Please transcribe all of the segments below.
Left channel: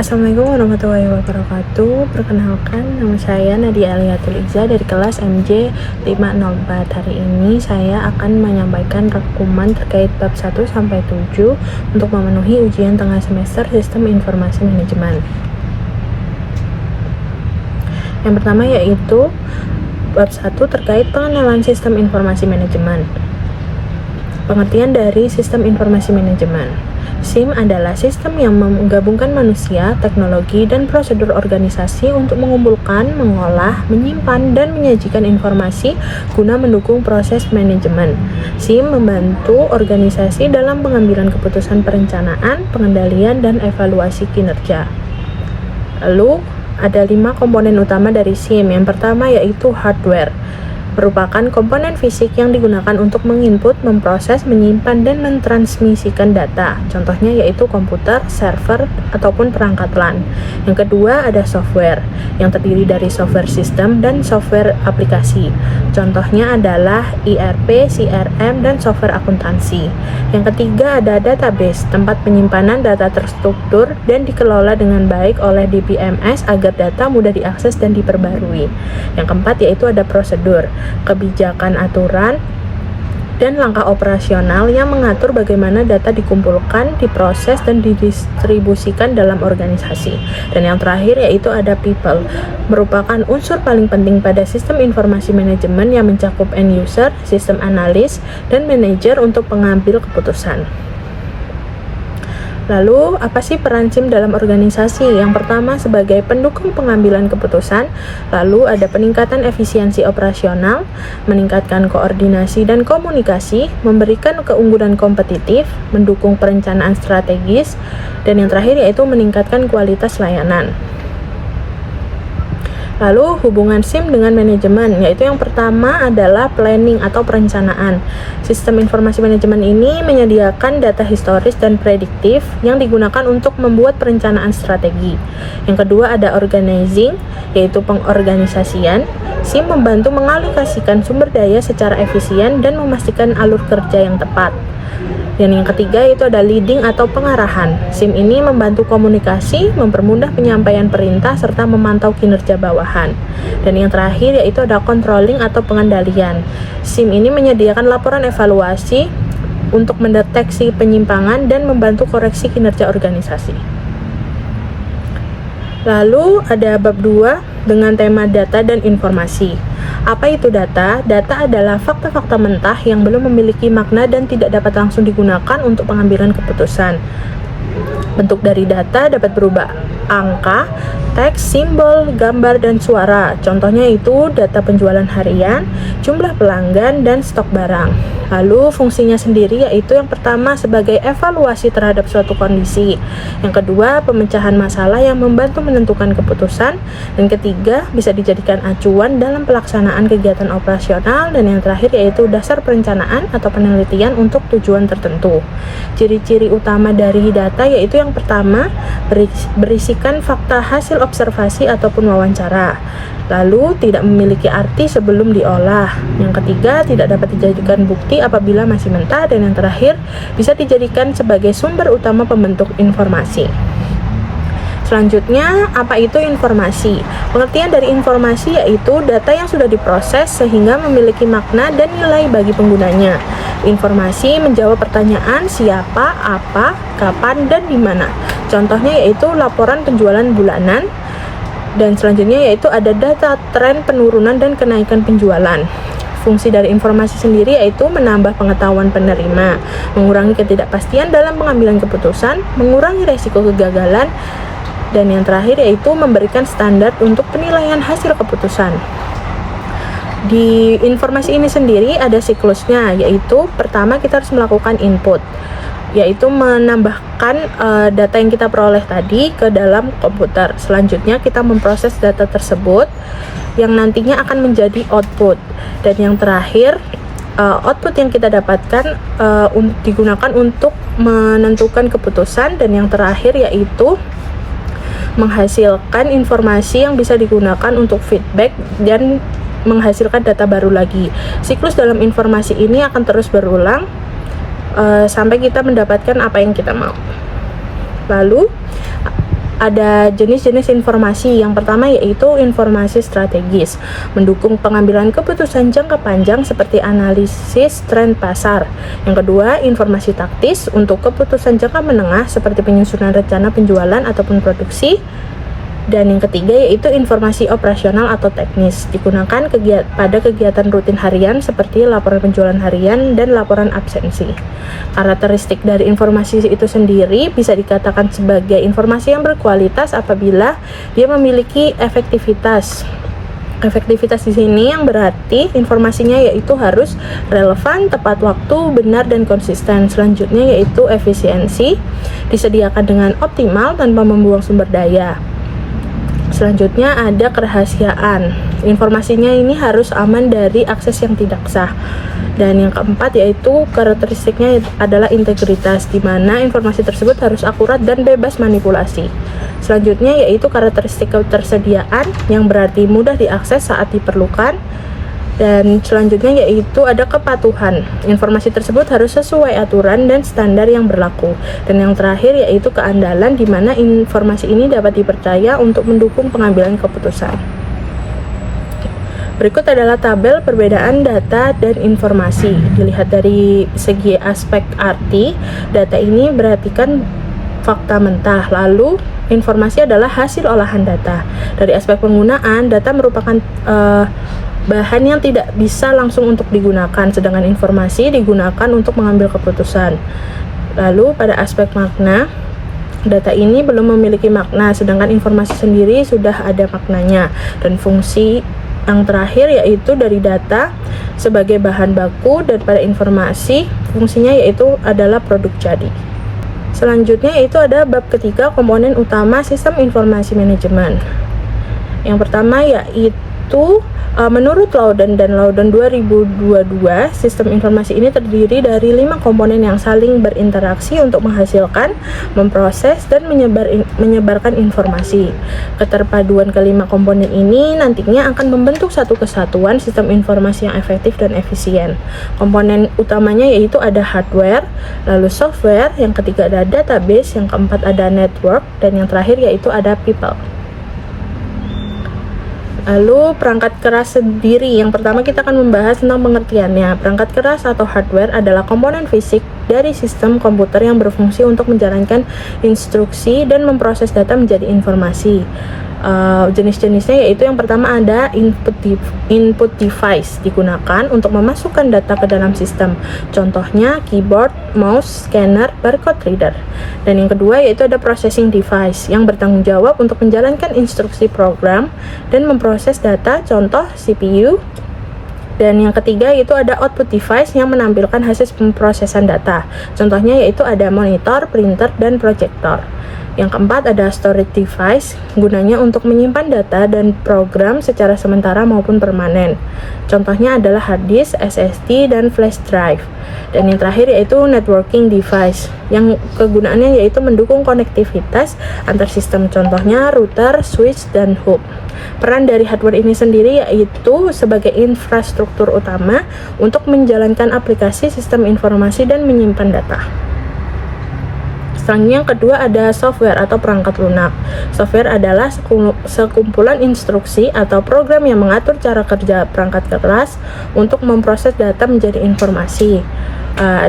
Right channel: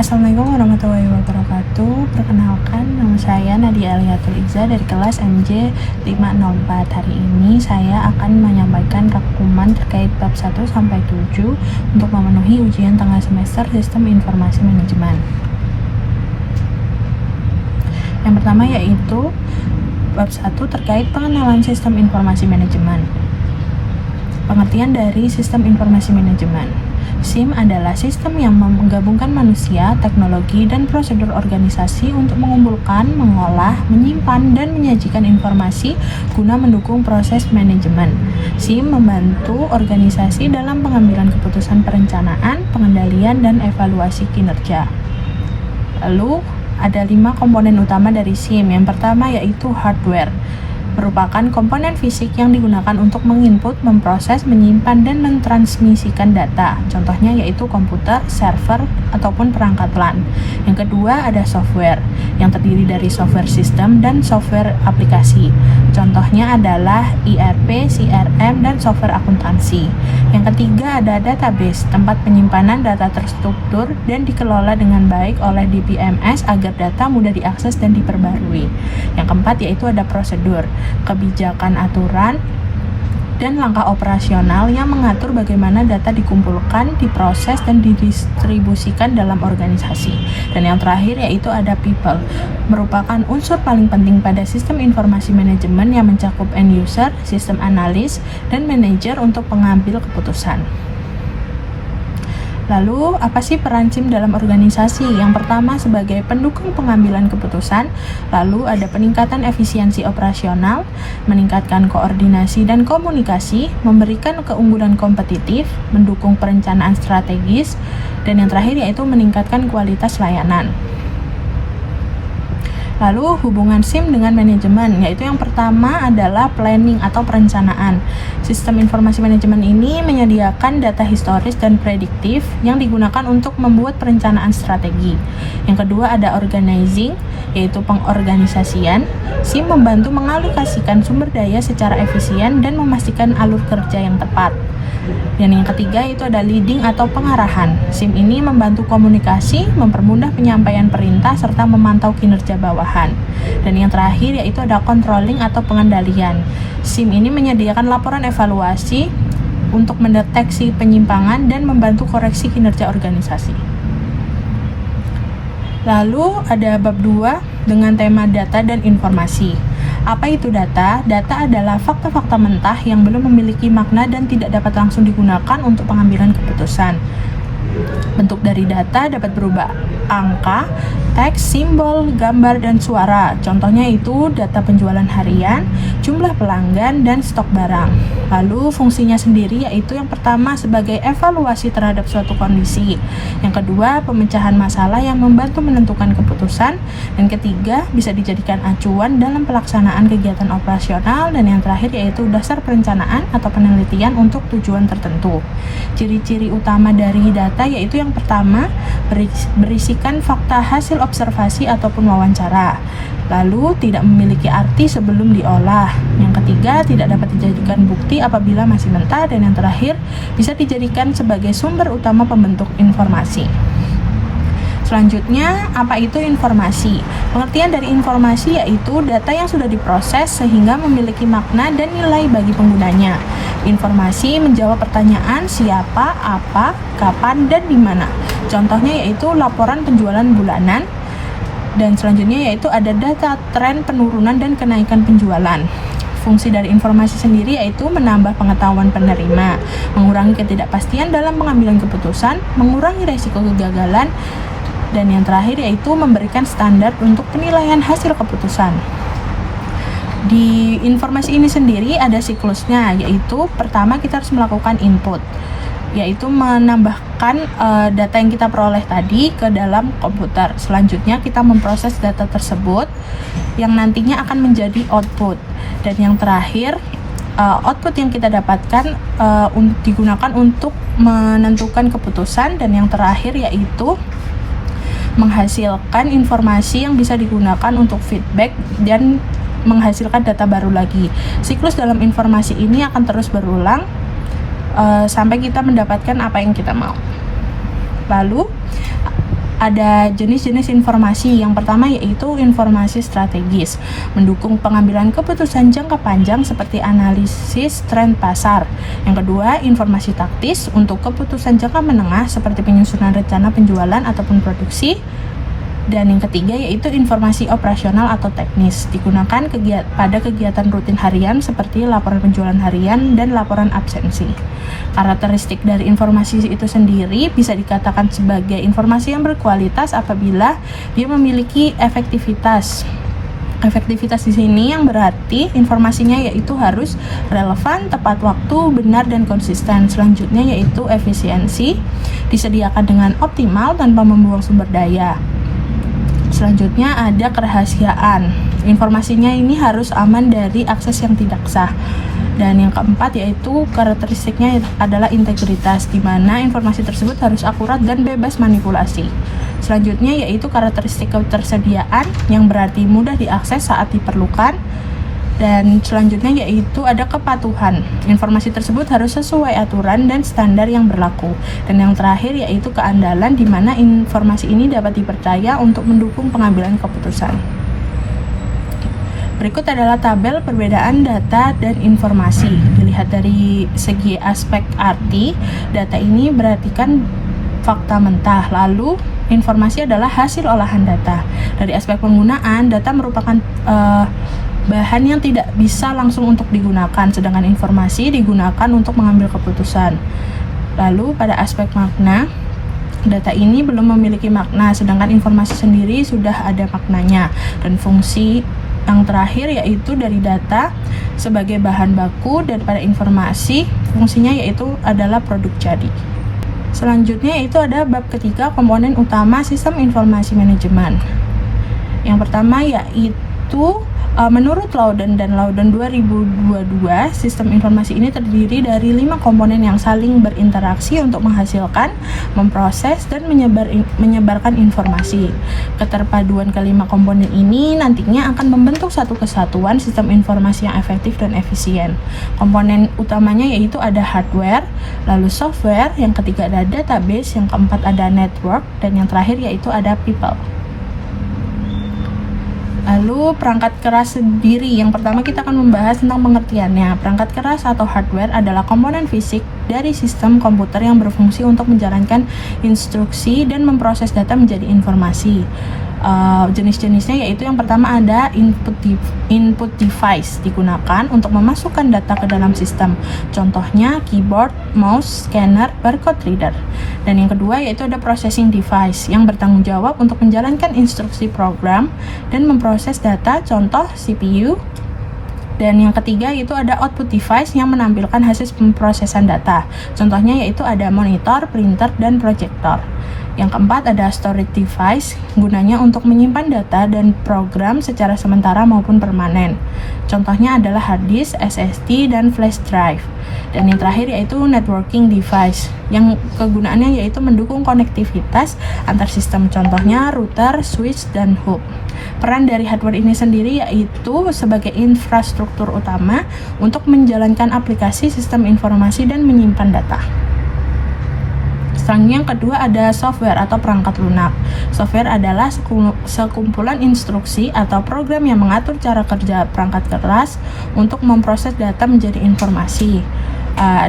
Assalamualaikum warahmatullahi wabarakatuh. Perkenalkan, nama saya Nadia Aliatul Iza dari kelas MJ 504. Hari ini saya akan menyampaikan rangkuman terkait bab 1 sampai 7 untuk memenuhi ujian tengah semester Sistem Informasi Manajemen. Yang pertama yaitu bab 1 terkait pengenalan Sistem Informasi Manajemen. Pengertian dari Sistem Informasi Manajemen. SIM adalah sistem yang menggabungkan manusia, teknologi, dan prosedur organisasi untuk mengumpulkan, mengolah, menyimpan, dan menyajikan informasi guna mendukung proses manajemen. SIM membantu organisasi dalam pengambilan keputusan perencanaan, pengendalian, dan evaluasi kinerja. Lalu, ada 5 komponen utama dari SIM. Yang pertama yaitu hardware. Merupakan komponen fisik yang digunakan untuk menginput, memproses, menyimpan, dan mentransmisikan data. Contohnya yaitu komputer, server, ataupun perangkat LAN. Yang kedua ada software, yang terdiri dari software sistem dan software aplikasi. Contohnya adalah ERP, CRM, dan software akuntansi. Yang ketiga ada database, tempat penyimpanan data terstruktur dan dikelola dengan baik oleh DBMS agar data mudah diakses dan diperbarui. Yang keempat yaitu ada prosedur, kebijakan aturan, dan langkah operasional yang mengatur bagaimana data dikumpulkan, diproses, dan didistribusikan dalam organisasi. Dan yang terakhir yaitu ada people, merupakan unsur paling penting pada sistem informasi manajemen yang mencakup end user, sistem analis, dan manajer untuk pengambil keputusan. Lalu, apa sih peran SIM dalam organisasi? Yang pertama sebagai pendukung pengambilan keputusan, lalu ada peningkatan efisiensi operasional, meningkatkan koordinasi dan komunikasi, memberikan keunggulan kompetitif, mendukung perencanaan strategis, dan yang terakhir yaitu meningkatkan kualitas layanan. Lalu hubungan SIM dengan manajemen, yaitu yang pertama adalah planning atau perencanaan. Sistem informasi manajemen ini menyediakan data historis dan prediktif yang digunakan untuk membuat perencanaan strategi. Yang kedua ada organizing, yaitu pengorganisasian. SIM membantu mengalokasikan sumber daya secara efisien dan memastikan alur kerja yang tepat. Dan yang ketiga itu ada leading atau pengarahan. SIM ini membantu komunikasi, mempermudah penyampaian perintah, serta memantau kinerja bawahan. Dan yang terakhir yaitu ada controlling atau pengendalian. SIM ini menyediakan laporan evaluasi untuk mendeteksi penyimpangan dan membantu koreksi kinerja organisasi. Lalu ada bab 2 dengan tema data dan informasi. Apa itu data? Data adalah fakta-fakta mentah yang belum memiliki makna dan tidak dapat langsung digunakan untuk pengambilan keputusan. Bentuk dari data dapat berubah angka, teks, simbol, gambar, dan suara. Contohnya itu data penjualan harian, jumlah pelanggan, dan stok barang. Lalu fungsinya sendiri yaitu yang pertama sebagai evaluasi terhadap suatu kondisi. Yang kedua pemecahan masalah yang membantu menentukan keputusan. Dan ketiga bisa dijadikan acuan dalam pelaksanaan kegiatan operasional. Dan yang terakhir yaitu dasar perencanaan atau penelitian untuk tujuan tertentu. Ciri-ciri utama dari data yaitu yang pertama berisikan fakta hasil observasi ataupun wawancara. Lalu tidak memiliki arti sebelum diolah. Yang ketiga tidak dapat dijadikan bukti apabila masih mentah. Dan yang terakhir bisa dijadikan sebagai sumber utama pembentuk informasi. Selanjutnya, apa itu informasi? Pengertian dari informasi yaitu data yang sudah diproses sehingga memiliki makna dan nilai bagi penggunanya. Informasi menjawab pertanyaan siapa, apa, kapan, dan di mana. Contohnya yaitu laporan penjualan bulanan. Dan selanjutnya yaitu ada data tren penurunan dan kenaikan penjualan. Fungsi dari informasi sendiri yaitu menambah pengetahuan penerima, mengurangi ketidakpastian dalam pengambilan keputusan, mengurangi resiko kegagalan, dan yang terakhir yaitu memberikan standar untuk penilaian hasil keputusan. Di informasi ini sendiri ada siklusnya, yaitu pertama kita harus melakukan input, yaitu menambahkan data yang kita peroleh tadi ke dalam komputer. Selanjutnya kita memproses data tersebut yang nantinya akan menjadi output. Dan yang terakhir output yang kita dapatkan digunakan untuk menentukan keputusan. Dan yang terakhir yaitu menghasilkan informasi yang bisa digunakan untuk feedback dan menghasilkan data baru lagi. Siklus dalam informasi ini akan terus berulang sampai kita mendapatkan apa yang kita mau. Lalu ada jenis-jenis informasi. Yang pertama yaitu informasi strategis, mendukung pengambilan keputusan jangka panjang seperti analisis tren pasar. Yang kedua, informasi taktis untuk keputusan jangka menengah seperti penyusunan rencana penjualan ataupun produksi. Dan yang ketiga yaitu informasi operasional atau teknis, digunakan pada kegiatan rutin harian seperti laporan penjualan harian dan laporan absensi. Karakteristik dari informasi itu sendiri bisa dikatakan sebagai informasi yang berkualitas apabila dia memiliki efektivitas. Efektivitas di sini yang berarti informasinya yaitu harus relevan, tepat waktu, benar dan konsisten. Selanjutnya yaitu efisiensi, disediakan dengan optimal tanpa membuang sumber daya. Selanjutnya ada kerahasiaan. Informasinya ini harus aman dari akses yang tidak sah. Dan yang keempat yaitu karakteristiknya adalah integritas, di mana informasi tersebut harus akurat dan bebas manipulasi. Selanjutnya yaitu karakteristik ketersediaan, yang berarti mudah diakses saat diperlukan. Dan selanjutnya yaitu ada kepatuhan. Informasi tersebut harus sesuai aturan dan standar yang berlaku. Dan yang terakhir yaitu keandalan, di mana informasi ini dapat dipercaya untuk mendukung pengambilan keputusan. Berikut adalah tabel perbedaan data dan informasi. Dilihat dari segi aspek arti, data ini berartikan fakta mentah, lalu informasi adalah hasil olahan data. Dari aspek penggunaan, data merupakan bahan yang tidak bisa langsung untuk digunakan, sedangkan informasi digunakan untuk mengambil keputusan. Lalu pada aspek makna, data ini belum memiliki makna, sedangkan informasi sendiri sudah ada maknanya. Dan fungsi yang terakhir yaitu dari data sebagai bahan baku, dan pada informasi fungsinya yaitu adalah produk jadi. Selanjutnya itu ada bab ketiga, komponen utama sistem informasi manajemen. Yang pertama yaitu menurut Loudon dan Loudon 2022, sistem informasi ini terdiri dari 5 komponen yang saling berinteraksi untuk menghasilkan, memproses, dan menyebarkan informasi. Keterpaduan kelima komponen ini nantinya akan membentuk satu kesatuan sistem informasi yang efektif dan efisien. Komponen utamanya yaitu ada hardware, lalu software, yang ketiga ada database, yang keempat ada network, dan yang terakhir yaitu ada people. Lalu perangkat keras sendiri, yang pertama kita akan membahas tentang pengertiannya. Perangkat keras atau hardware adalah komponen fisik dari sistem komputer yang berfungsi untuk menjalankan instruksi dan memproses data menjadi informasi. Jenis-jenisnya yaitu yang pertama ada input device, digunakan untuk memasukkan data ke dalam sistem. Contohnya keyboard, mouse, scanner, barcode reader. Dan yang kedua yaitu ada processing device, yang bertanggung jawab untuk menjalankan instruksi program dan memproses data, contoh CPU. Dan yang ketiga yaitu ada output device, yang menampilkan hasil pemrosesan data. Contohnya yaitu ada monitor, printer, dan proyektor. Yang keempat ada storage device, gunanya untuk menyimpan data dan program secara sementara maupun permanen. Contohnya adalah hard disk, SSD, dan flash drive. Dan yang terakhir yaitu networking device, yang kegunaannya yaitu mendukung konektivitas antar sistem. Contohnya router, switch, dan hub. Peran dari hardware ini sendiri yaitu sebagai infrastruktur utama untuk menjalankan aplikasi sistem informasi dan menyimpan data. Selanjutnya yang kedua ada software atau perangkat lunak. Software adalah sekumpulan instruksi atau program yang mengatur cara kerja perangkat keras untuk memproses data menjadi informasi.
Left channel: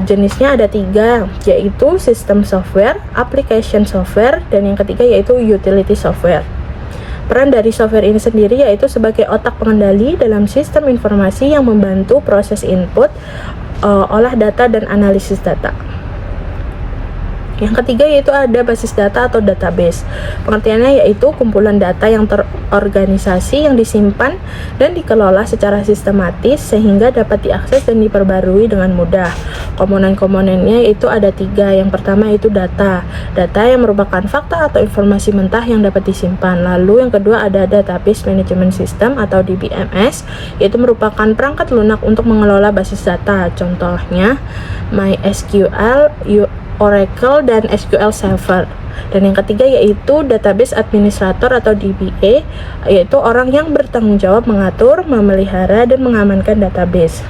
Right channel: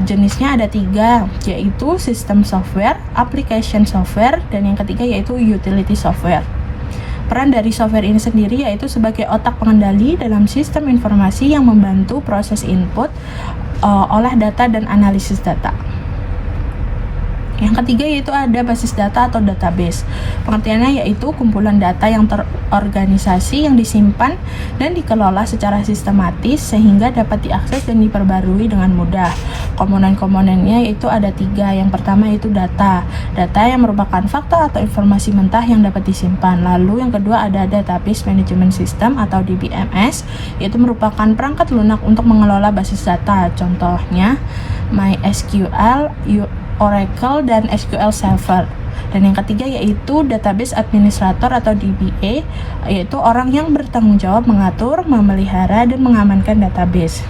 Jenisnya ada 3, yaitu system software, application software, dan yang ketiga yaitu utility software. Peran dari software ini sendiri yaitu sebagai otak pengendali dalam sistem informasi yang membantu proses input, olah data, dan analisis data. Yang ketiga yaitu ada basis data atau database. Pengertiannya yaitu kumpulan data yang terorganisasi, yang disimpan dan dikelola secara sistematis sehingga dapat diakses dan diperbarui dengan mudah. Komponen-komponennya yaitu ada 3. Yang pertama yaitu data. Data yang merupakan fakta atau informasi mentah yang dapat disimpan. Lalu yang kedua ada database management system atau DBMS, yaitu merupakan perangkat lunak untuk mengelola basis data. Contohnya MySQL, Oracle, dan SQL Server. Dan yang ketiga yaitu database administrator atau DBA, yaitu orang yang bertanggung jawab mengatur, memelihara, dan mengamankan database.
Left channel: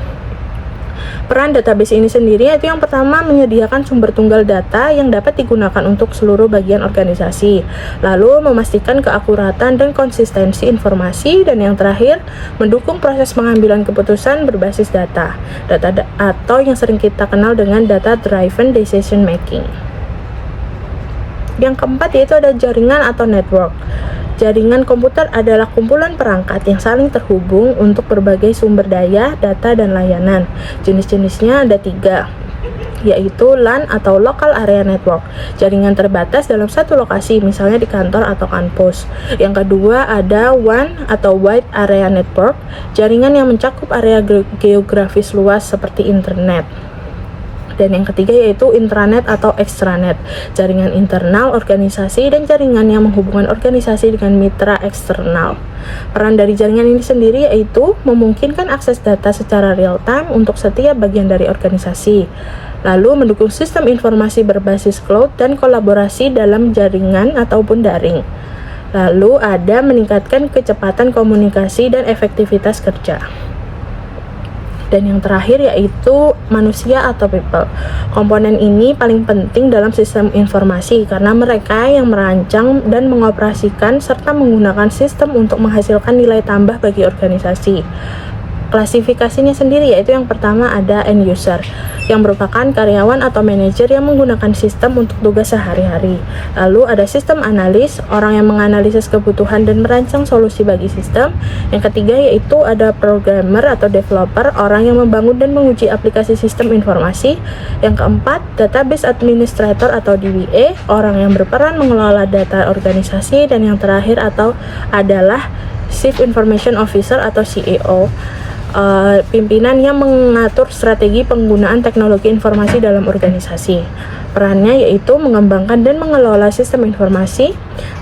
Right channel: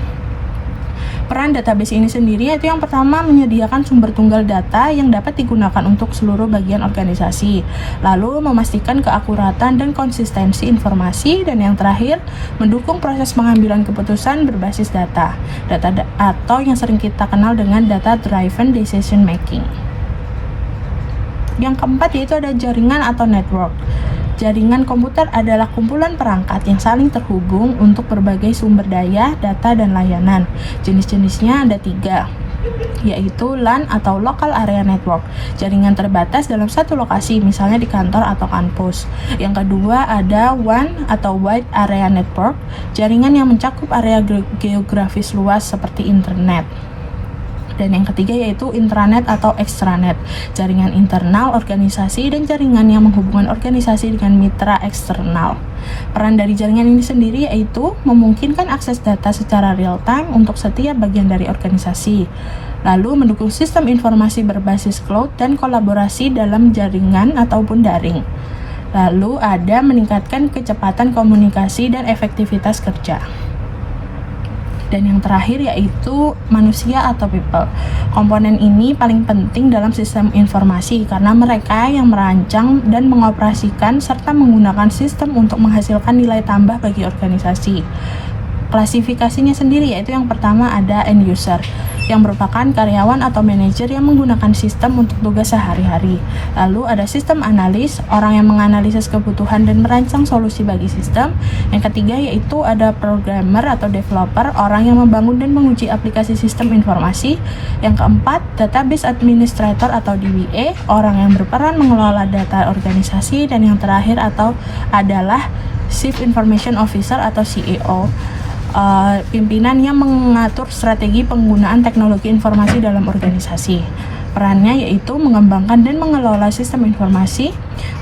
Peran database ini sendiri yaitu yang pertama menyediakan sumber tunggal data yang dapat digunakan untuk seluruh bagian organisasi, lalu memastikan keakuratan dan konsistensi informasi, dan yang terakhir mendukung proses pengambilan keputusan berbasis data atau yang sering kita kenal dengan data driven decision making. Yang keempat yaitu ada jaringan atau network. Jaringan komputer adalah kumpulan perangkat yang saling terhubung untuk berbagai sumber daya, data, dan layanan. Jenis-jenisnya ada 3, yaitu LAN atau Local Area Network, jaringan terbatas dalam satu lokasi, misalnya di kantor atau kampus. Yang kedua ada WAN atau Wide Area Network, jaringan yang mencakup area geografis luas seperti internet. Dan yang ketiga yaitu intranet atau extranet, jaringan internal organisasi dan jaringan yang menghubungkan organisasi dengan mitra eksternal. Peran dari jaringan ini sendiri yaitu memungkinkan akses data secara real time untuk setiap bagian dari organisasi, lalu mendukung sistem informasi berbasis cloud dan kolaborasi dalam jaringan ataupun daring. Lalu ada meningkatkan kecepatan komunikasi dan efektivitas kerja. Dan yang terakhir yaitu manusia atau people. Komponen ini paling penting dalam sistem informasi karena mereka yang merancang dan mengoperasikan serta menggunakan sistem untuk menghasilkan nilai tambah bagi organisasi. Klasifikasinya sendiri yaitu yang pertama ada end user, yang merupakan karyawan atau manajer yang menggunakan sistem untuk tugas sehari-hari. Lalu ada sistem analis, orang yang menganalisis kebutuhan dan merancang solusi bagi sistem. Yang ketiga yaitu ada programmer atau developer, orang yang membangun dan menguji aplikasi sistem informasi. Yang keempat, database administrator atau DBA, orang yang berperan mengelola data organisasi. Dan yang terakhir adalah Chief Information Officer atau CEO, pimpinan yang mengatur strategi penggunaan teknologi informasi dalam organisasi. Perannya yaitu mengembangkan dan mengelola sistem informasi,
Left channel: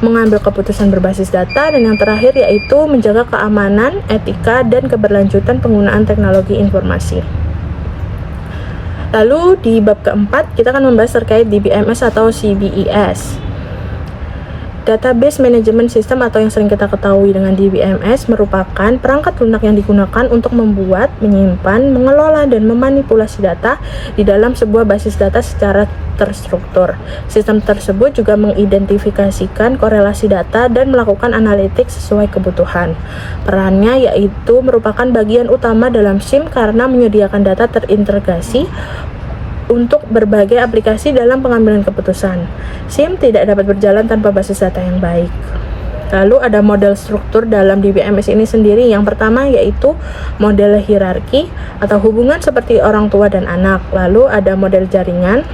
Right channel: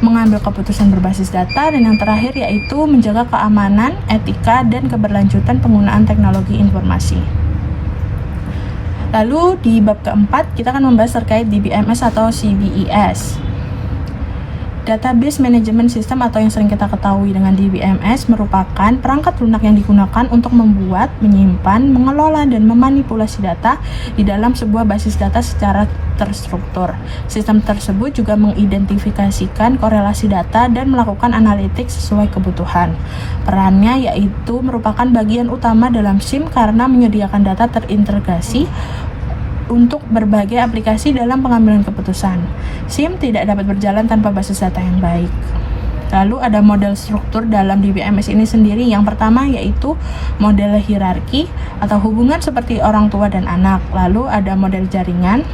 mengambil keputusan berbasis data, dan yang terakhir yaitu menjaga keamanan, etika, dan keberlanjutan penggunaan teknologi informasi. Lalu di bab keempat kita akan membahas terkait DBMS atau CBES. Database Management System atau yang sering kita ketahui dengan DBMS merupakan perangkat lunak yang digunakan untuk membuat, menyimpan, mengelola, dan memanipulasi data di dalam sebuah basis data secara terstruktur. Sistem tersebut juga mengidentifikasikan korelasi data dan melakukan analitik sesuai kebutuhan. Perannya yaitu merupakan bagian utama dalam SIM karena menyediakan data terintegrasi untuk berbagai aplikasi dalam pengambilan keputusan. SIM tidak dapat berjalan tanpa basis data yang baik. Lalu ada model struktur dalam DBMS ini sendiri. Yang pertama yaitu model hierarki atau hubungan seperti orang tua dan anak. Lalu ada model jaringan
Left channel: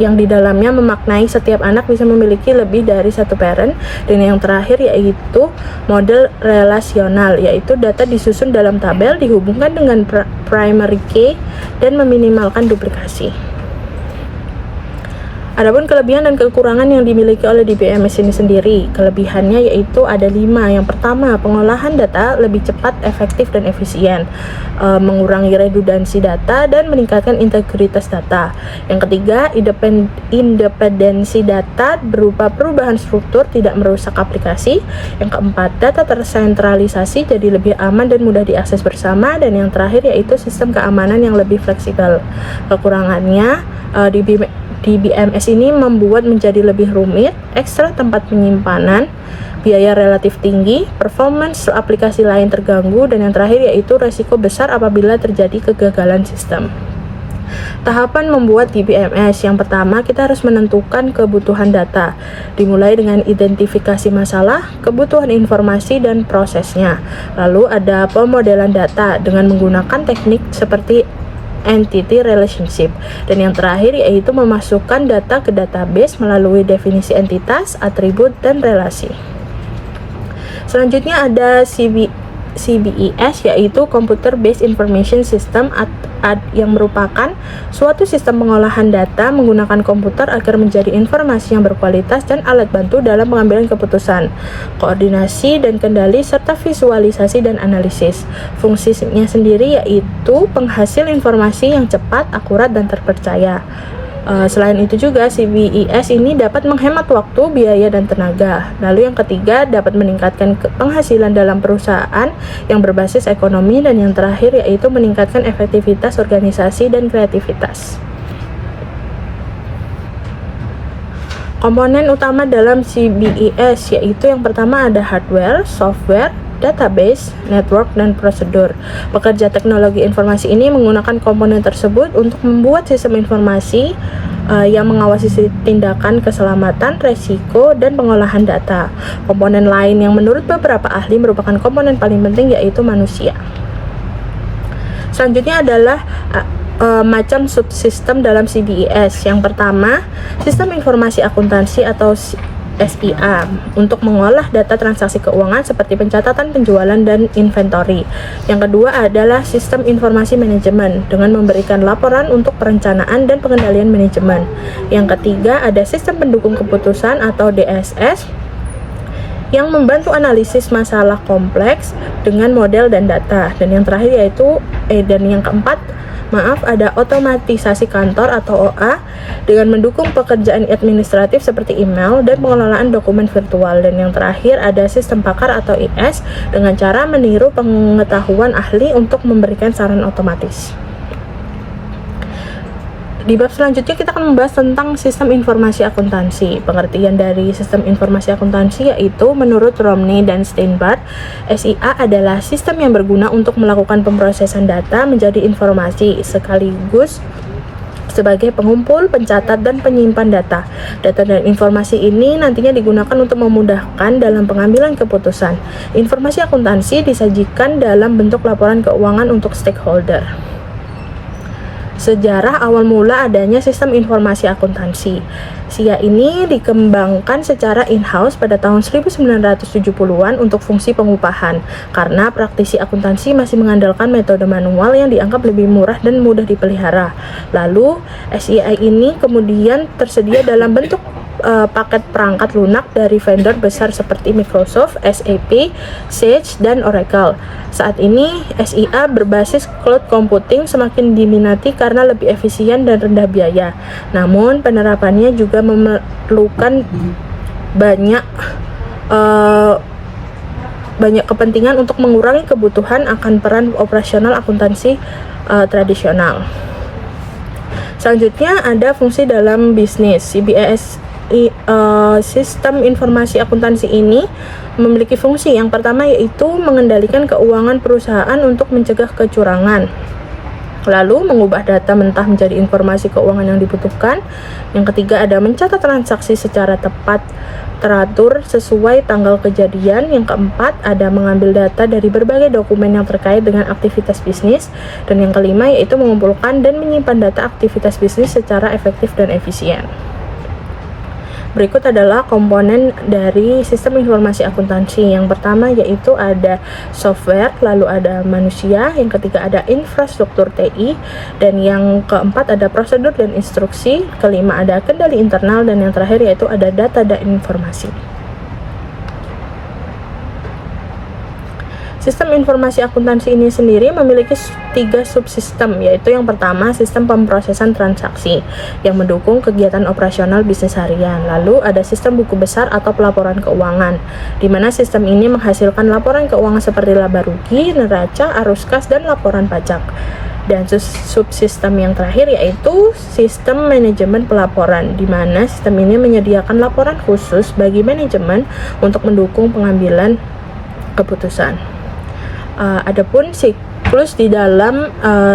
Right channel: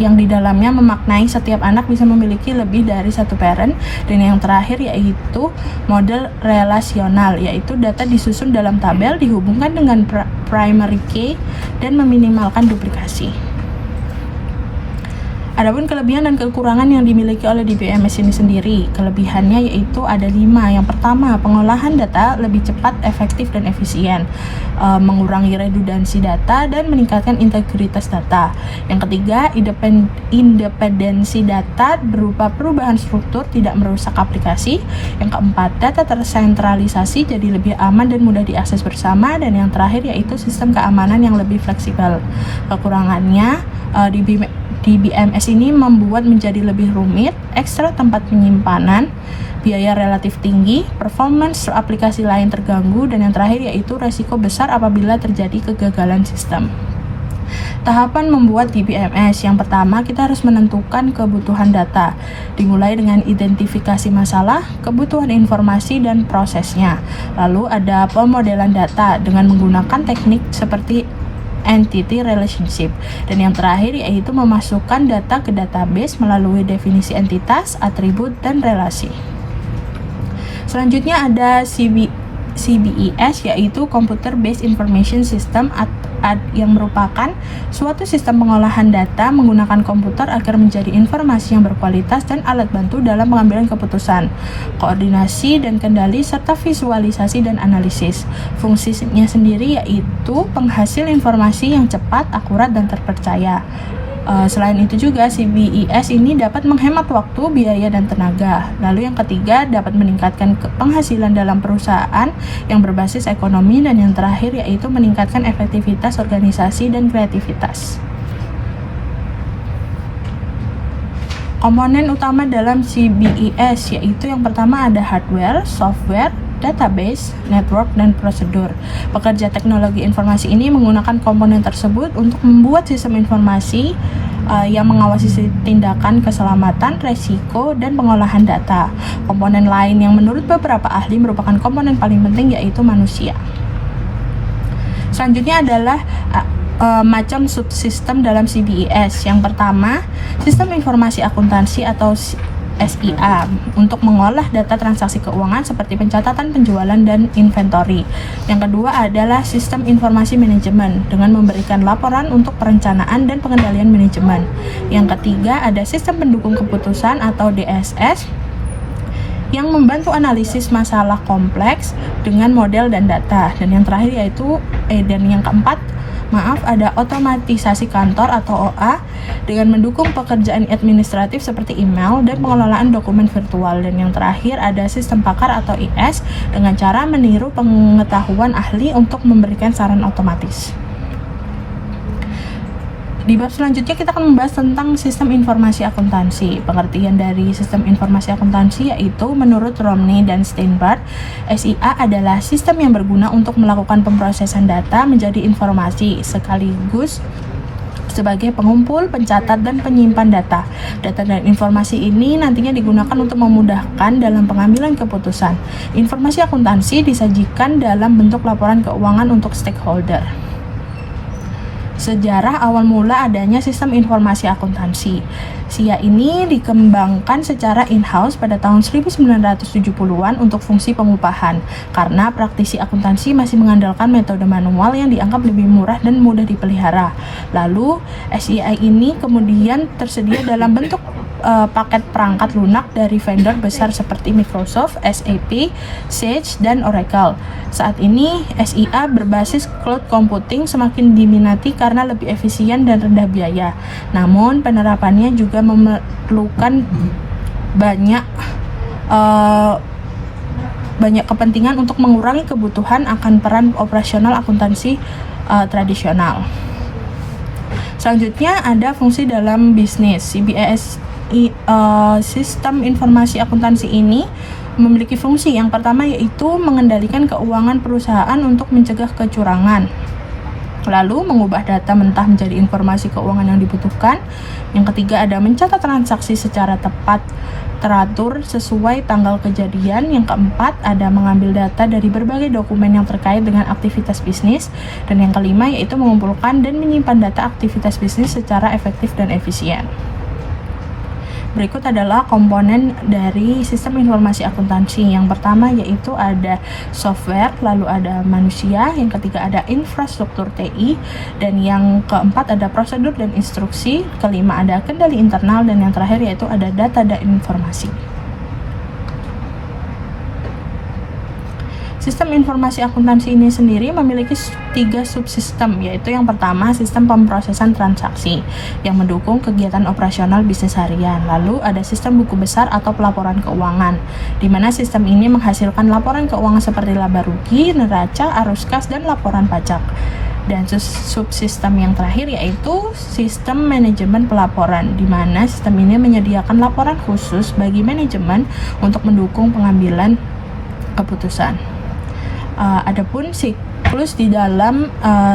yang di dalamnya memaknai setiap anak bisa memiliki lebih dari satu parent. Dan yang terakhir yaitu model relasional, yaitu data disusun dalam tabel, dihubungkan dengan primary key dan meminimalkan duplikasi. Adapun kelebihan dan kekurangan yang dimiliki oleh DBMS ini sendiri. Kelebihannya yaitu ada 5. Yang pertama, pengolahan data lebih cepat, efektif, dan efisien, mengurangi redundansi data dan meningkatkan integritas data. Yang ketiga, independensi data berupa perubahan struktur tidak merusak aplikasi. Yang keempat, data tersentralisasi jadi lebih aman dan mudah diakses bersama. Dan yang terakhir yaitu sistem keamanan yang lebih fleksibel. Kekurangannya, DBMS ini membuat menjadi lebih rumit, ekstra tempat penyimpanan, biaya relatif tinggi, performance aplikasi lain terganggu, dan yang terakhir yaitu resiko besar apabila terjadi kegagalan sistem. Tahapan membuat DBMS. Yang pertama, kita harus menentukan kebutuhan data, dimulai dengan identifikasi masalah, kebutuhan informasi, dan prosesnya. Lalu ada pemodelan data dengan menggunakan teknik seperti entity relationship. Dan yang terakhir yaitu memasukkan data ke database melalui definisi entitas, atribut, dan relasi. Selanjutnya ada CBES yaitu Computer Based Information System yang merupakan suatu sistem pengolahan data menggunakan komputer agar menjadi informasi yang berkualitas dan alat bantu dalam pengambilan keputusan, koordinasi dan kendali, serta visualisasi dan analisis. Fungsinya sendiri yaitu penghasil informasi yang cepat, akurat, dan terpercaya. Selain itu juga CBES ini dapat menghemat waktu, biaya, dan tenaga. Lalu yang ketiga, dapat meningkatkan penghasilan dalam perusahaan yang berbasis ekonomi, dan yang terakhir yaitu meningkatkan efektivitas organisasi dan kreativitas. Komponen utama dalam CBES yaitu yang pertama ada hardware, software, database, network, dan prosedur. Pekerja teknologi informasi ini menggunakan komponen tersebut untuk membuat sistem informasi yang mengawasi tindakan keselamatan, resiko, dan pengolahan data. Komponen lain yang menurut beberapa ahli merupakan komponen paling penting yaitu manusia. Selanjutnya adalah macam subsistem dalam CBES. Yang pertama, sistem informasi akuntansi atau SIA untuk mengolah data transaksi keuangan seperti pencatatan penjualan dan inventory. Yang kedua adalah sistem informasi manajemen dengan memberikan laporan untuk perencanaan dan pengendalian manajemen. Yang ketiga ada sistem pendukung keputusan atau DSS yang membantu analisis masalah kompleks dengan model dan data. Dan yang terakhir yang keempat ada otomatisasi kantor atau OA dengan mendukung pekerjaan administratif seperti email dan pengelolaan dokumen virtual. Dan yang terakhir ada sistem pakar atau IS dengan cara meniru pengetahuan ahli untuk memberikan saran otomatis. Di bab selanjutnya kita akan membahas tentang sistem informasi akuntansi. Pengertian dari sistem informasi akuntansi yaitu menurut Romney dan Steinbart, SIA adalah sistem yang berguna untuk melakukan pemrosesan data menjadi informasi sekaligus sebagai pengumpul, pencatat, dan penyimpan data. Data dan informasi ini nantinya digunakan untuk memudahkan dalam pengambilan keputusan. Informasi akuntansi disajikan dalam bentuk laporan keuangan untuk stakeholder. Sejarah awal mula adanya sistem informasi akuntansi. SIA ini dikembangkan secara in-house pada tahun 1970-an untuk fungsi pengupahan, karena praktisi akuntansi masih mengandalkan metode manual yang dianggap lebih murah dan mudah dipelihara. Lalu, SIA ini kemudian tersedia dalam bentuk paket perangkat lunak dari vendor besar seperti Microsoft, SAP, Sage, dan Oracle. Saat ini, SIA berbasis cloud computing semakin diminati karena lebih efisien dan rendah biaya. Namun, penerapannya juga memerlukan banyak kepentingan untuk mengurangi kebutuhan akan peran operasional akuntansi tradisional. Selanjutnya ada fungsi dalam bisnis. CBES sistem informasi akuntansi ini memiliki fungsi yang pertama yaitu mengendalikan keuangan perusahaan untuk mencegah kecurangan, lalu mengubah data mentah menjadi informasi keuangan yang dibutuhkan. Yang ketiga ada mencatat transaksi secara tepat, teratur sesuai tanggal kejadian. Yang keempat ada mengambil data dari berbagai dokumen yang terkait dengan aktivitas bisnis. Dan yang kelima yaitu mengumpulkan dan menyimpan data aktivitas bisnis secara efektif dan efisien. Berikut adalah komponen dari sistem informasi akuntansi. Yang pertama yaitu ada software, lalu ada manusia, yang ketiga ada infrastruktur TI, dan yang keempat ada prosedur dan instruksi, kelima ada kendali internal, dan yang terakhir yaitu ada data dan informasi. Sistem informasi akuntansi ini sendiri memiliki 3 subsistem, yaitu yang pertama sistem pemrosesan transaksi yang mendukung kegiatan operasional bisnis harian. Lalu ada sistem buku besar atau pelaporan keuangan, di mana sistem ini menghasilkan laporan keuangan seperti laba rugi, neraca, arus kas, dan laporan pajak. Dan subsistem yang terakhir yaitu sistem manajemen pelaporan, di mana sistem ini menyediakan laporan khusus bagi manajemen untuk mendukung pengambilan keputusan. Adapun siklus di dalam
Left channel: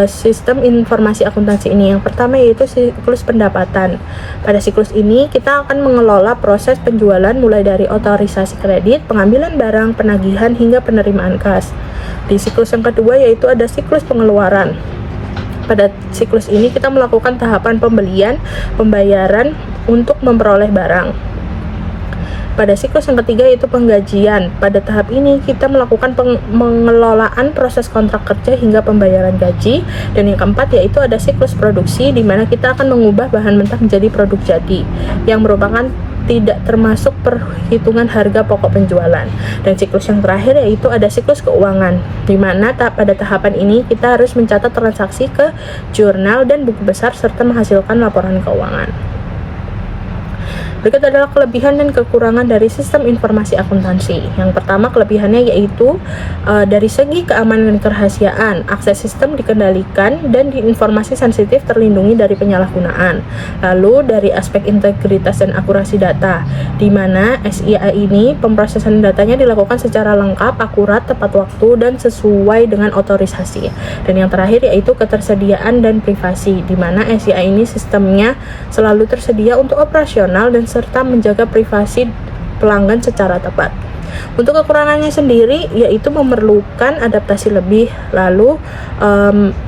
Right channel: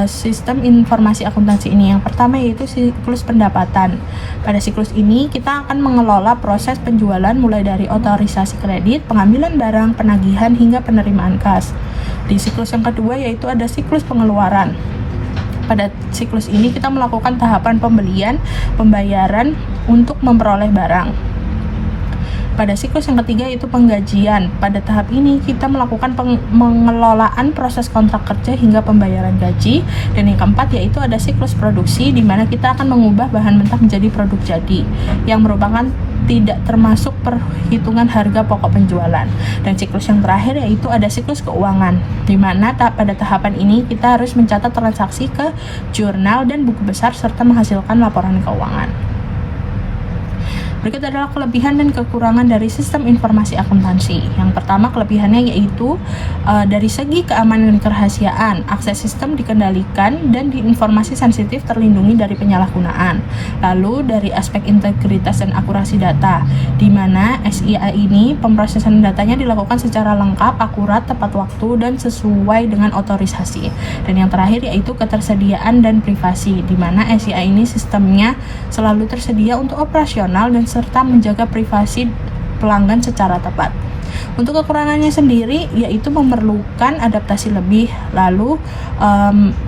sistem informasi akuntansi ini, yang pertama yaitu siklus pendapatan. Pada siklus ini kita akan mengelola proses penjualan mulai dari otorisasi kredit, pengambilan barang, penagihan, hingga penerimaan kas. Di siklus yang kedua yaitu ada siklus pengeluaran. Pada siklus ini kita melakukan tahapan pembelian, pembayaran untuk memperoleh barang. Pada siklus yang ketiga yaitu penggajian. Pada tahap ini kita melakukan pengelolaan proses kontrak kerja hingga pembayaran gaji. Dan yang keempat yaitu ada siklus produksi, di mana kita akan mengubah bahan mentah menjadi produk jadi, yang merupakan tidak termasuk perhitungan harga pokok penjualan. Dan siklus yang terakhir yaitu ada siklus keuangan, di mana pada tahapan ini kita harus mencatat transaksi ke jurnal dan buku besar serta menghasilkan laporan keuangan. Berikut adalah kelebihan dan kekurangan dari sistem informasi akuntansi. Yang pertama, kelebihannya yaitu dari segi keamanan dan kerahasiaan, akses sistem dikendalikan dan informasi sensitif terlindungi dari penyalahgunaan. Lalu dari aspek integritas dan akurasi data, di mana SIA ini pemrosesan datanya dilakukan secara lengkap, akurat, tepat waktu, dan sesuai dengan otorisasi. Dan yang terakhir yaitu ketersediaan dan privasi, di mana SIA ini sistemnya selalu tersedia untuk operasional dan serta menjaga privasi pelanggan secara tepat. Untuk kekurangannya sendiri yaitu memerlukan adaptasi lebih, lalu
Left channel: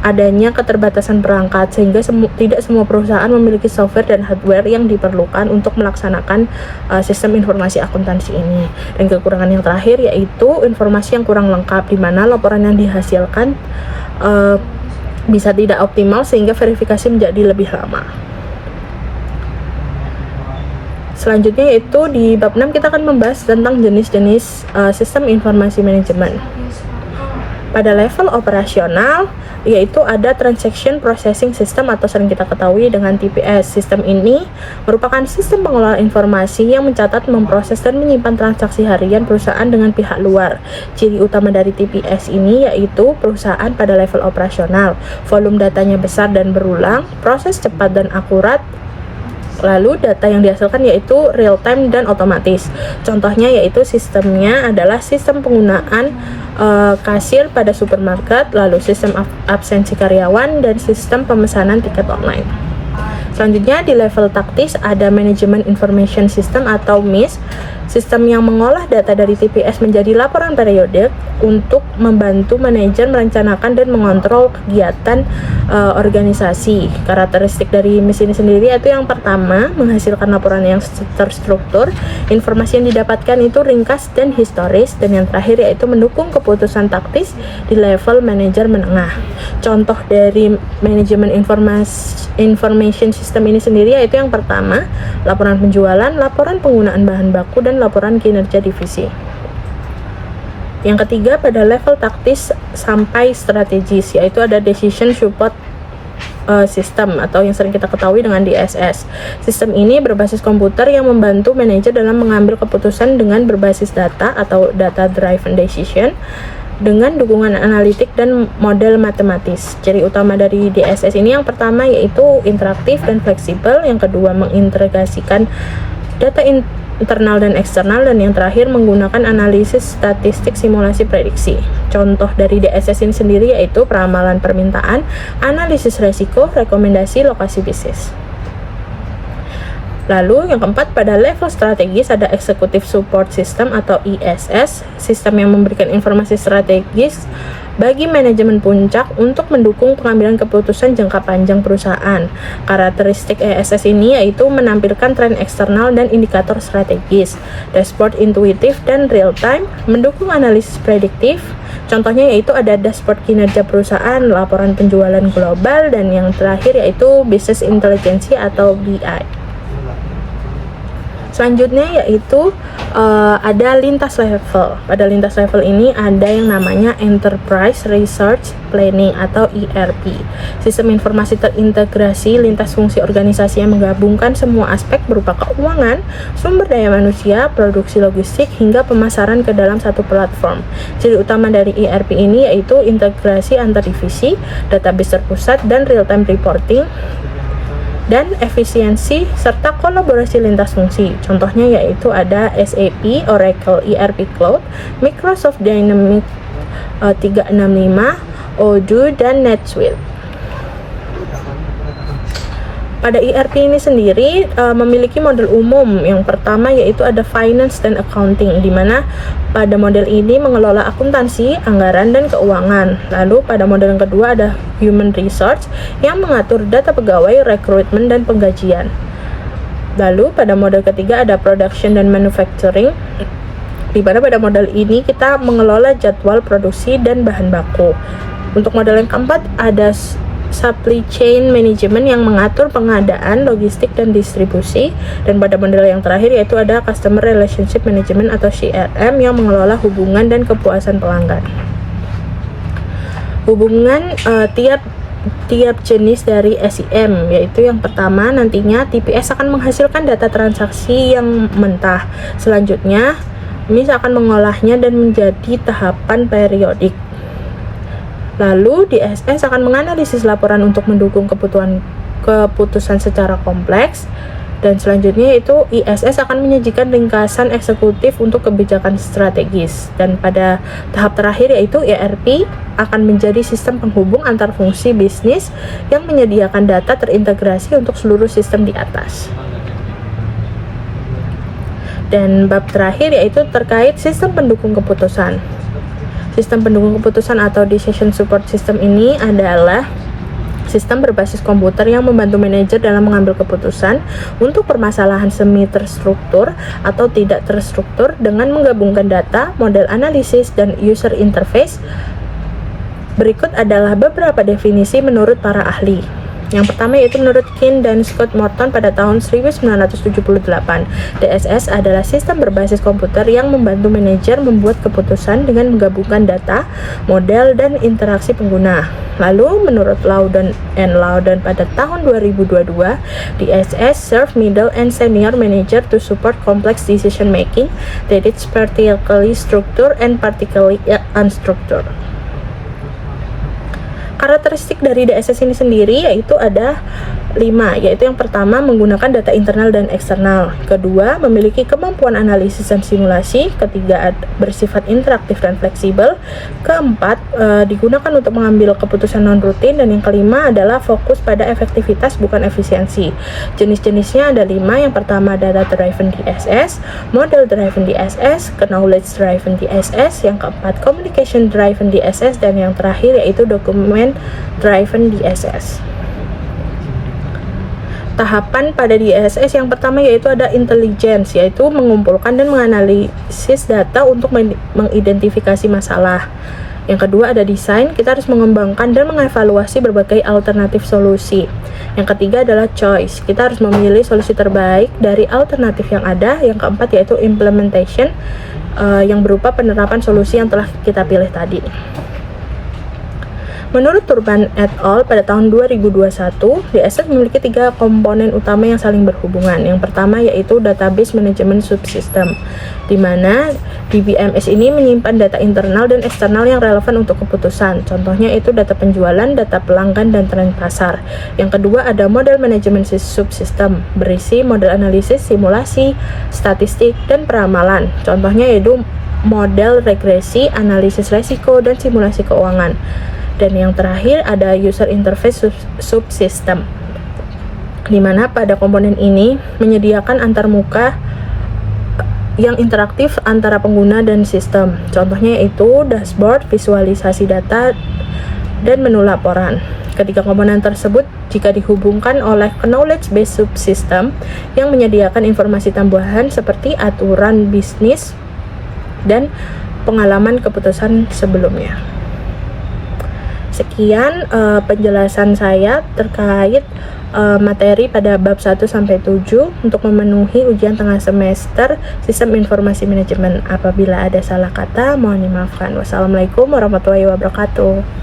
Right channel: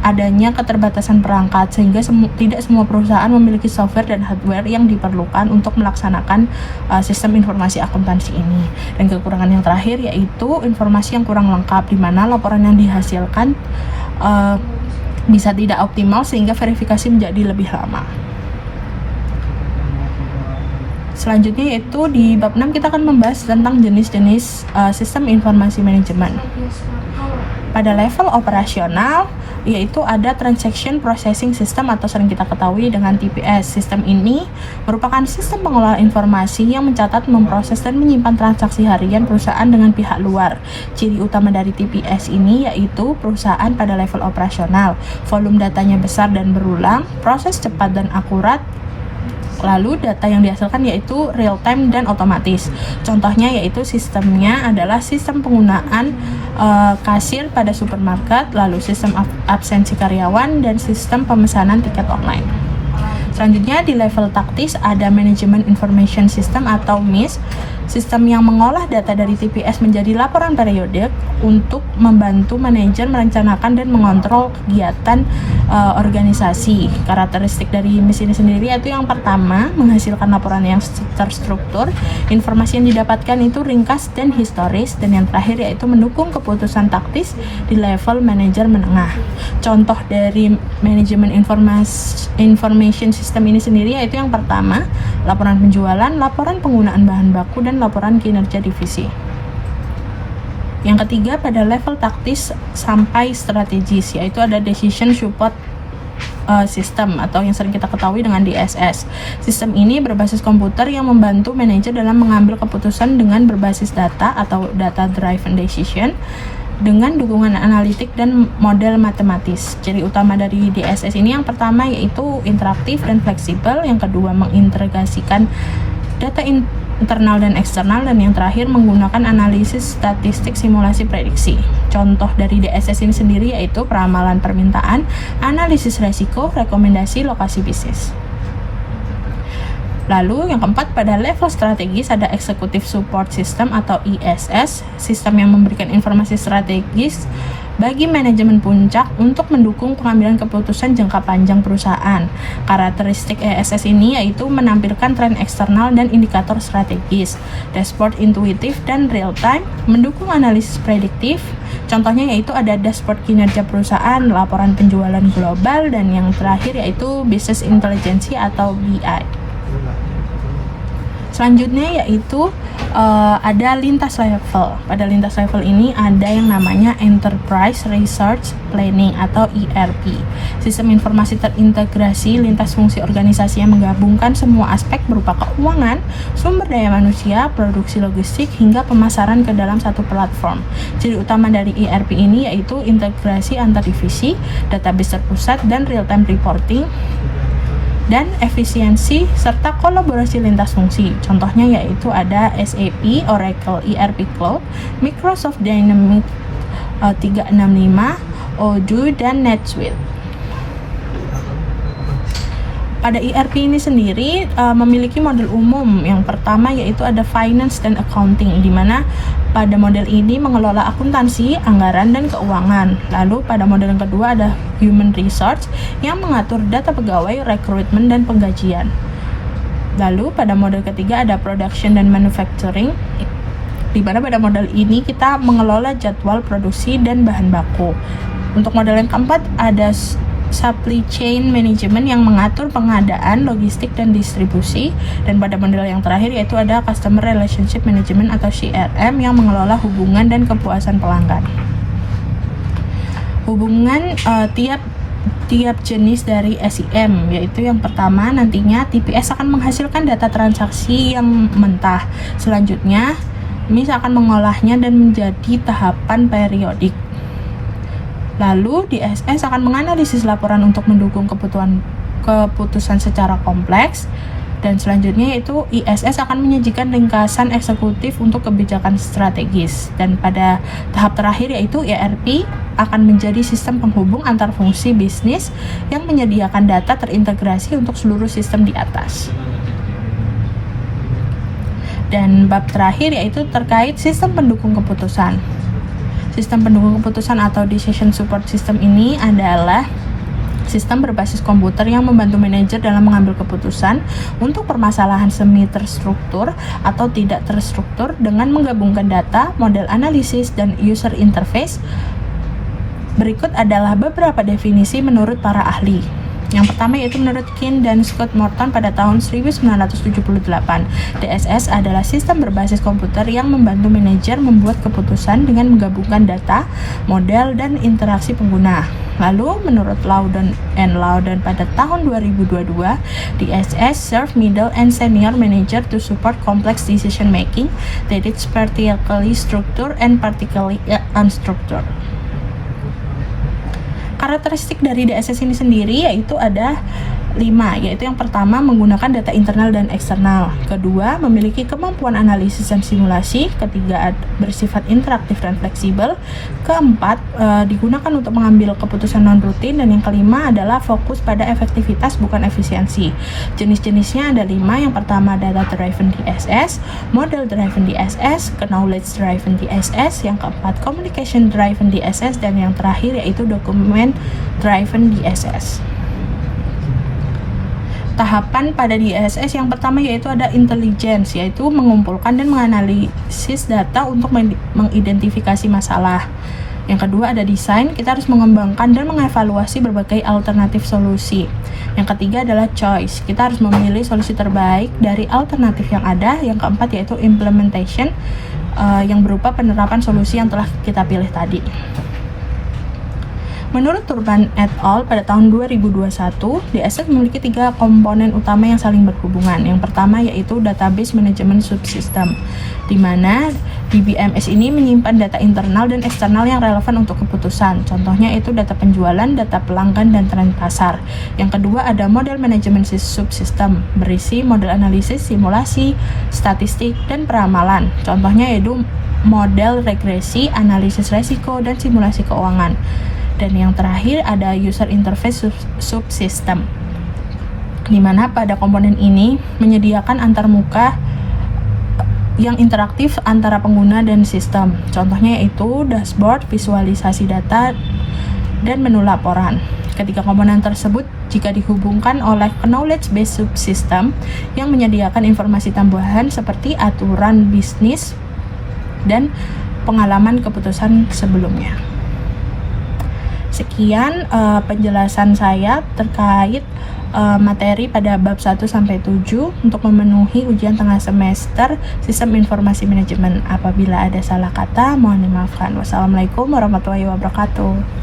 adanya keterbatasan perangkat sehingga tidak semua perusahaan memiliki software dan hardware yang diperlukan untuk melaksanakan sistem informasi akuntansi ini. Dan kekurangan yang terakhir yaitu informasi yang kurang lengkap, di mana laporan yang dihasilkan bisa tidak optimal sehingga verifikasi menjadi lebih lama. Selanjutnya yaitu di bab 6 kita akan membahas tentang jenis-jenis sistem informasi manajemen. Pada level operasional yaitu ada Transaction Processing System atau sering kita ketahui dengan TPS. Sistem ini merupakan sistem pengelolaan informasi yang mencatat, memproses, dan menyimpan transaksi harian perusahaan dengan pihak luar. Ciri utama dari TPS ini yaitu perusahaan pada level operasional, volume datanya besar dan berulang, proses cepat dan akurat, lalu data yang dihasilkan yaitu real time dan otomatis. Contohnya yaitu sistemnya adalah sistem penggunaan kasir pada supermarket, lalu sistem absensi karyawan, dan sistem pemesanan tiket online. Selanjutnya di level taktis ada Management Information System atau MIS, sistem yang mengolah data dari TPS menjadi laporan periodik untuk membantu manajer merencanakan dan mengontrol kegiatan organisasi. Karakteristik dari MIS ini sendiri yaitu yang pertama, menghasilkan laporan yang terstruktur, informasi yang didapatkan itu ringkas dan historis, dan yang terakhir yaitu mendukung keputusan taktis di level manajer menengah. Contoh dari Management Information System ini sendiri yaitu yang pertama, laporan penjualan, laporan penggunaan bahan baku, dan laporan kinerja divisi. Yang ketiga pada level taktis sampai strategis yaitu ada Decision Support System atau yang sering kita ketahui dengan DSS. Sistem ini berbasis komputer yang membantu manajer dalam mengambil keputusan dengan berbasis data atau Data Driven Decision dengan dukungan analitik dan model matematis. Ciri utama dari DSS ini yang pertama yaitu interaktif dan fleksibel, yang kedua mengintegrasikan data internal dan eksternal, dan yang terakhir menggunakan analisis statistik simulasi prediksi. Contoh dari DSS ini sendiri yaitu peramalan permintaan, analisis resiko, rekomendasi lokasi bisnis. Lalu yang keempat pada level strategis ada Executive Support System atau ISS, sistem yang memberikan informasi strategis bagi manajemen puncak untuk mendukung pengambilan keputusan jangka panjang perusahaan. Karakteristik ISS ini yaitu menampilkan tren eksternal dan indikator strategis, dashboard intuitif dan real time, mendukung analisis prediktif. Contohnya yaitu ada dashboard kinerja perusahaan, laporan penjualan global, dan yang terakhir yaitu Business Intelligence atau BI. Selanjutnya yaitu ada lintas level. Pada lintas level ini ada yang namanya Enterprise Research Planning atau ERP. Sistem informasi terintegrasi lintas fungsi organisasi yang menggabungkan semua aspek berupa keuangan, sumber daya manusia, produksi logistik, hingga pemasaran ke dalam satu platform. Ciri utama dari ERP ini yaitu integrasi antar divisi, database terpusat, dan real-time reporting, dan efisiensi serta kolaborasi lintas fungsi. Contohnya yaitu ada SAP, Oracle ERP Cloud, Microsoft Dynamics 365, Odoo, dan NetSuite. Pada ERP ini sendiri memiliki model umum. Yang pertama yaitu ada Finance dan Accounting, di mana pada model ini mengelola akuntansi, anggaran, dan keuangan. Lalu pada model yang kedua ada Human Resource yang mengatur data pegawai, rekrutmen, dan penggajian. Lalu pada model ketiga ada Production dan Manufacturing, di mana pada model ini kita mengelola jadwal produksi dan bahan baku. Untuk model yang keempat ada supply chain management yang mengatur pengadaan, logistik, dan distribusi. Dan pada model yang terakhir yaitu ada customer relationship management atau CRM yang mengelola hubungan dan kepuasan pelanggan. Hubungan tiap jenis dari SIM, yaitu yang pertama nantinya TPS akan menghasilkan data transaksi yang mentah. Selanjutnya MIS akan mengolahnya dan menjadi tahapan periodik. Lalu DSS akan menganalisis laporan untuk mendukung keputusan secara kompleks. Dan selanjutnya yaitu ISS akan menyajikan ringkasan eksekutif untuk kebijakan strategis. Dan pada tahap terakhir yaitu ERP akan menjadi sistem penghubung antar fungsi bisnis yang menyediakan data terintegrasi untuk seluruh sistem di atas. Dan bab terakhir yaitu terkait sistem pendukung keputusan. Sistem pendukung keputusan atau decision support system ini adalah sistem berbasis komputer yang membantu manajer dalam mengambil keputusan untuk permasalahan semi terstruktur atau tidak terstruktur dengan menggabungkan data, model analisis, dan user interface. Berikut adalah beberapa definisi menurut para ahli. Yang pertama yaitu menurut Keane dan Scott Morton pada tahun 1978, DSS adalah sistem berbasis komputer yang membantu manajer membuat keputusan dengan menggabungkan data, model, dan interaksi pengguna. Lalu menurut Loudon pada tahun 2022, DSS serve middle and senior manager to support complex decision making that is particularly structured and particularly unstructured. Karakteristik dari DSS ini sendiri yaitu ada 5, yaitu yang pertama menggunakan data internal dan eksternal, kedua memiliki kemampuan analisis dan simulasi, ketiga bersifat interaktif dan fleksibel, keempat digunakan untuk mengambil keputusan non-rutin, dan yang kelima adalah fokus pada efektivitas bukan efisiensi. Jenis-jenisnya ada 5, yang pertama data driven DSS, model driven DSS, knowledge driven DSS, yang keempat communication driven DSS, dan yang terakhir yaitu document driven DSS. Tahapan pada DSS yang pertama yaitu ada intelligence, yaitu mengumpulkan dan menganalisis data untuk mengidentifikasi masalah. Yang kedua ada desain, kita harus mengembangkan dan mengevaluasi berbagai alternatif solusi. Yang ketiga adalah choice, kita harus memilih solusi terbaik dari alternatif yang ada. Yang keempat yaitu implementation, yang berupa penerapan solusi yang telah kita pilih tadi. Menurut Turban et al. Pada tahun 2021, DSS memiliki 3 komponen utama yang saling berhubungan. Yang pertama yaitu database management subsystem, di mana DBMS ini menyimpan data internal dan eksternal yang relevan untuk keputusan. Contohnya itu data penjualan, data pelanggan, dan tren pasar. Yang kedua ada model management subsystem, berisi model analisis, simulasi, statistik, dan peramalan. Contohnya yaitu model regresi, analisis resiko, dan simulasi keuangan. Dan yang terakhir ada user interface subsystem, di mana pada komponen ini menyediakan antarmuka yang interaktif antara pengguna dan sistem. Contohnya yaitu dashboard, visualisasi data, dan menu laporan. Ketiga komponen tersebut jika dihubungkan oleh knowledge based subsystem yang menyediakan informasi tambahan seperti aturan bisnis dan pengalaman keputusan sebelumnya. Sekian penjelasan saya terkait materi pada bab 1 sampai 7 untuk memenuhi ujian tengah semester Sistem Informasi Manajemen. Apabila ada salah kata, mohon dimaafkan. Wassalamualaikum warahmatullahi wabarakatuh.